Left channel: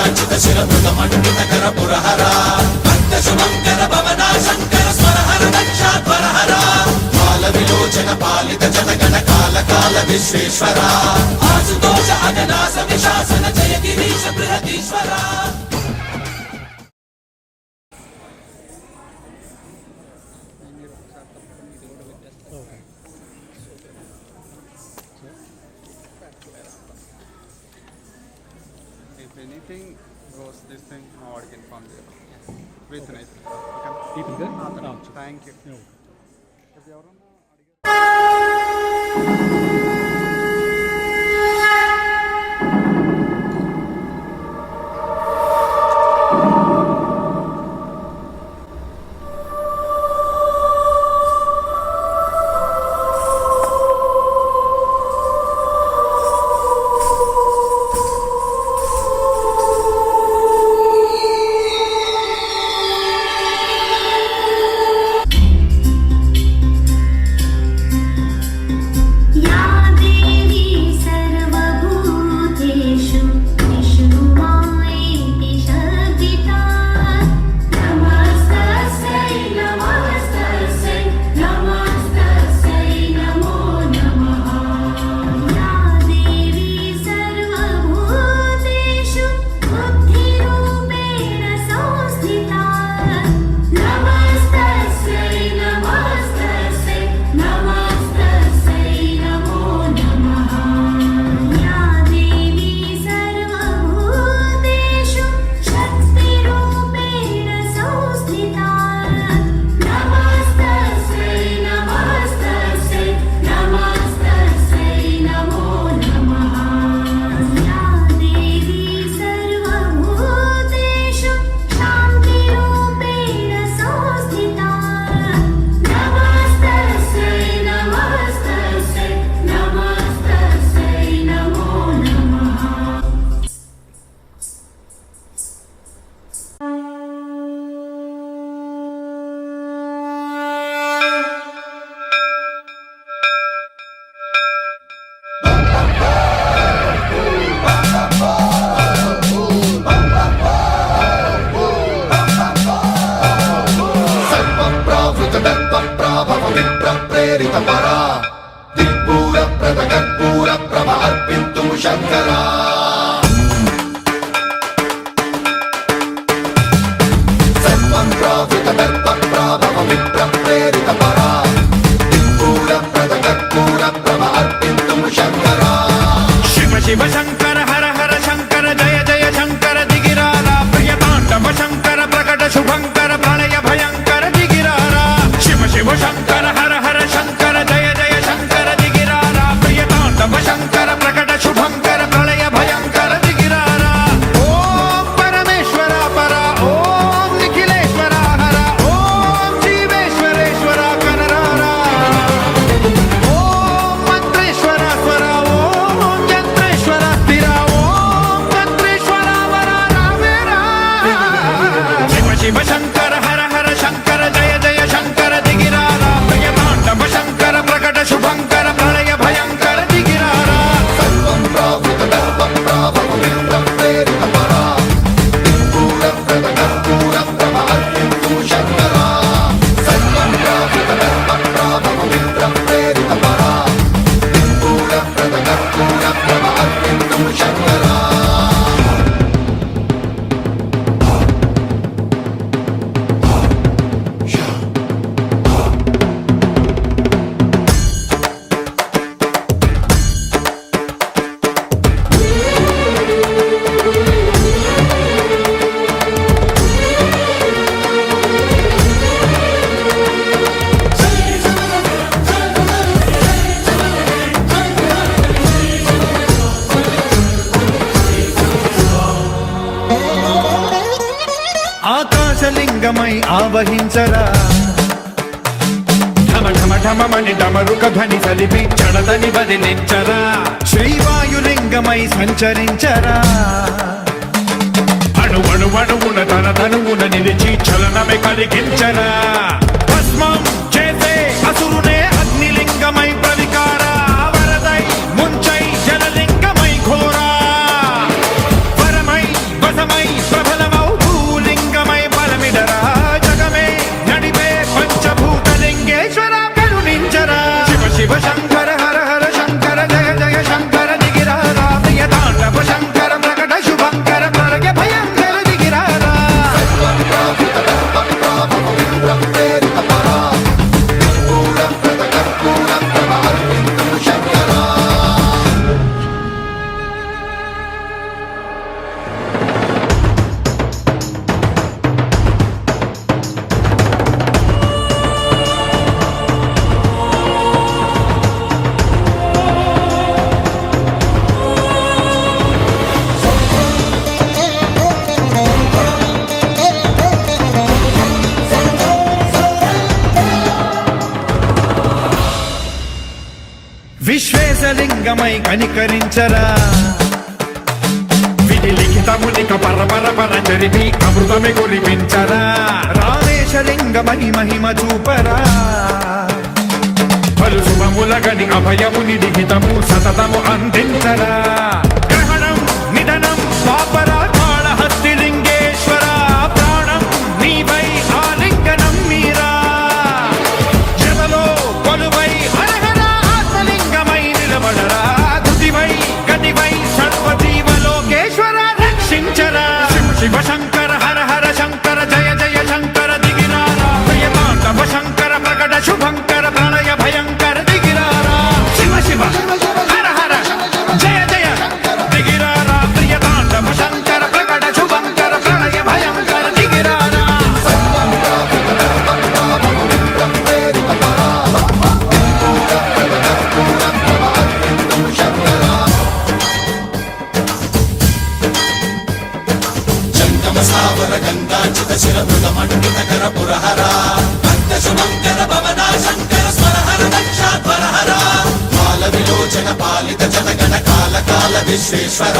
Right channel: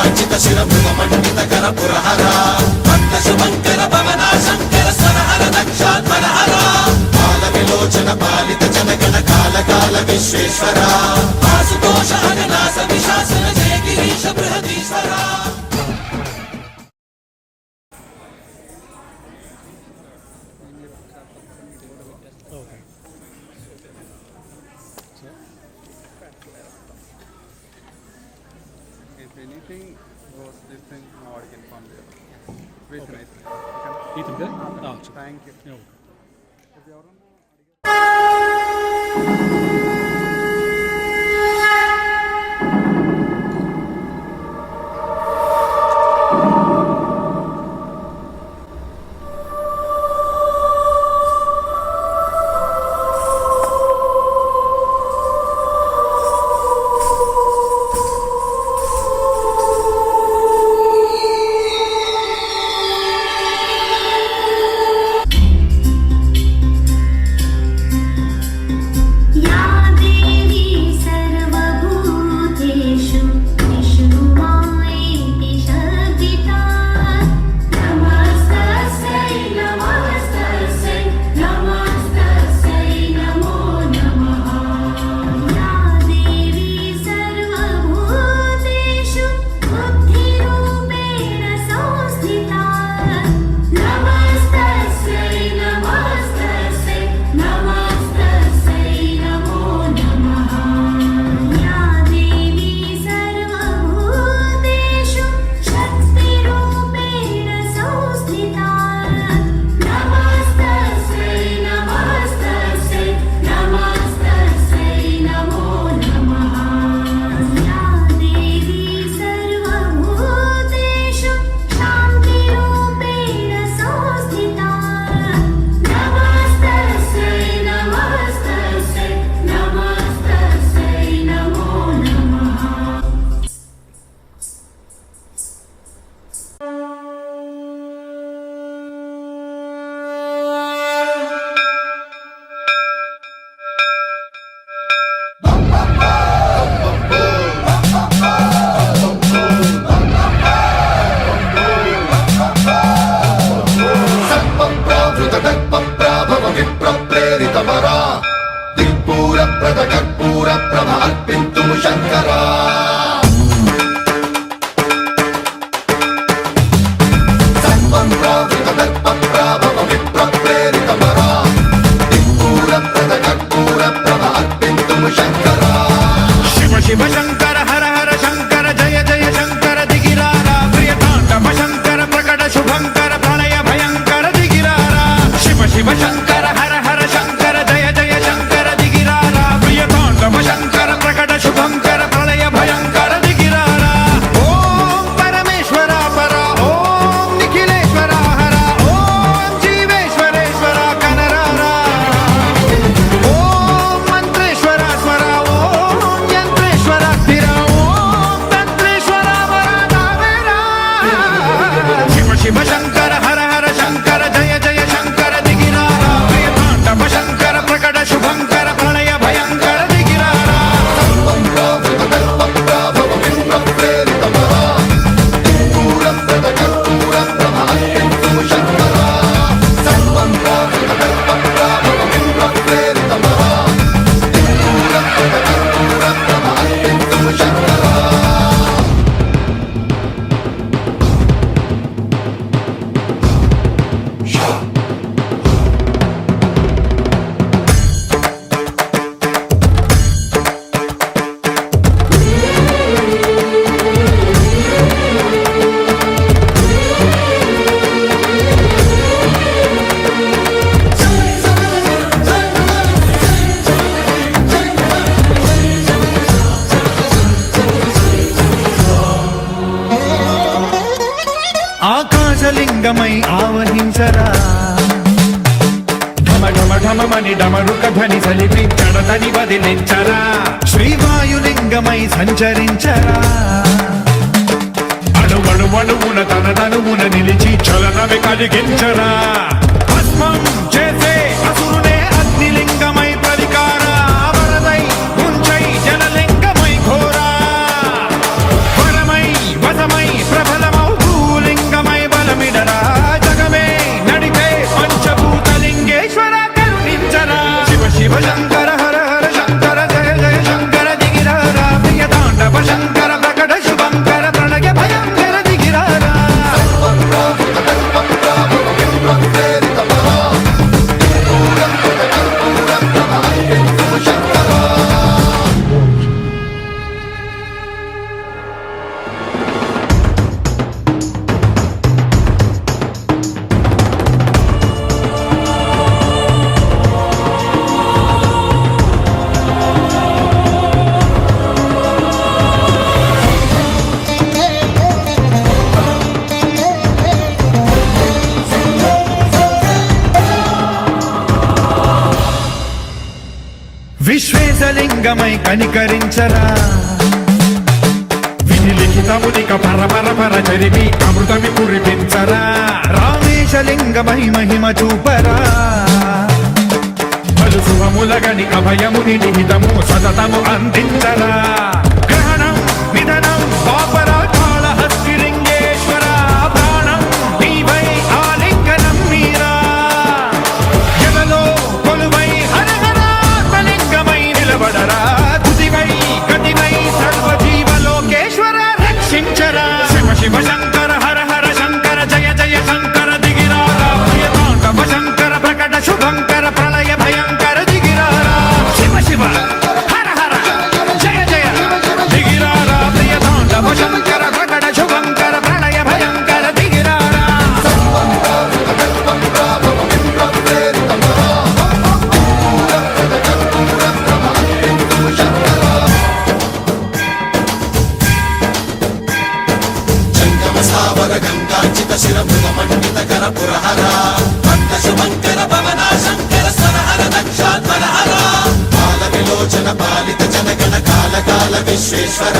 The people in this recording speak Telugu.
మంగళాచిత శిరమృత మండిత కర పురహర అంత శుభంకర భవనా శంకర స్వరహర దక్షాధ్వరహర కాల విలోచన పాలిత జనగణ కాల కాల విశ్వేశ్వర ఆశుతోష అవినాశ విశాసన జయ గిరీశ Brihadeeswara. If anything goes this thing, I can inform you. With night. Thank you. Shiva Shankara హర హర శంకర జయ జయ శంకర దిగిరారా ప్రియతాండవ శంకర ప్రకట శుభంకర ప్రళయ భయంకర దిగిరారా శివ శివ శంకర హర హర శంకర జయ జయ శంకర దిగిరారా ప్రియతాండవ శంకర ప్రకట శుభంకర ప్రళయ భయంకర దిగిరారా. ఓం పరమేశ్వర పర ఓం నిఖిలేశ్వర హర ఓం జీవేశ్వరేశ్వర కరరారా ఓం మంత్రేశ్వర స్వర ఓం యంత్రేశ్వర స్థిర ఓం తంత్రేశ్వర వర రావేరా. శివ శివ శంకర హర హర శంకర జయ జయ శంకర దిగిరారా ప్రియతాండవ శంకర ప్రకట శుభంకర ప్రళయ భయంకర దిగిరారా. ఆకాశలింగమై ఆవహించరా ఢమ ఢమ ఢమమని డమరుక ధ్వని సలిపి జడదని వదిలించరా శ్రీవాయులింగమై సంచరించరా అణువణువున తన తనువున నిలిచి చలనమే కలిగించరా భస్మం చేసే అసురునే అగ్నిలింగమై ప్రవికారా వరదై ముంచై జలలింగమై ఘోరా వరమై వసమై విశ్వేశలింగమై కనికరించరా విధి లిఖితమునిక పరపర చరిమి అమృతమి కురిపించరా రామేశలింగమై మహిమ చూపరా పలు శుభములగని అభయముని నిహితము సతతము అందించరా గ్రహణం నిధనం పాపరా కాళహస్తి లింగేశ్వర ప్రాణం నీవై ఆలింగనం మీరా జలలో కొలువై హర హర ఆత్మలింగమై నిలబడరా తుదివై గతివై సర్వజీవలోకేశ్వర రక్షించరా శివ శివ శంకర హర హర శంకర జయ జయ శంకర దిగిరారా భయతాండవ శంకర ప్రకట శుభంకర ప్రళయ భయంకర దిగిరారా శివ శివ హర హర జయ జయ దిగిరారా భయతాండవ శంకర ప్రకట శుభంకర ప్రళయ భయంకర దిగిరారా జంగమ సావర గంగాచిత శిరమృత మండిత కర పురహర అంత సుమంకర భవనా శంకర స్వరహర దక్షాధ్వర హర కాల విలోచన పాలిత జనగణ కాల కాల విశ్వేశ్వర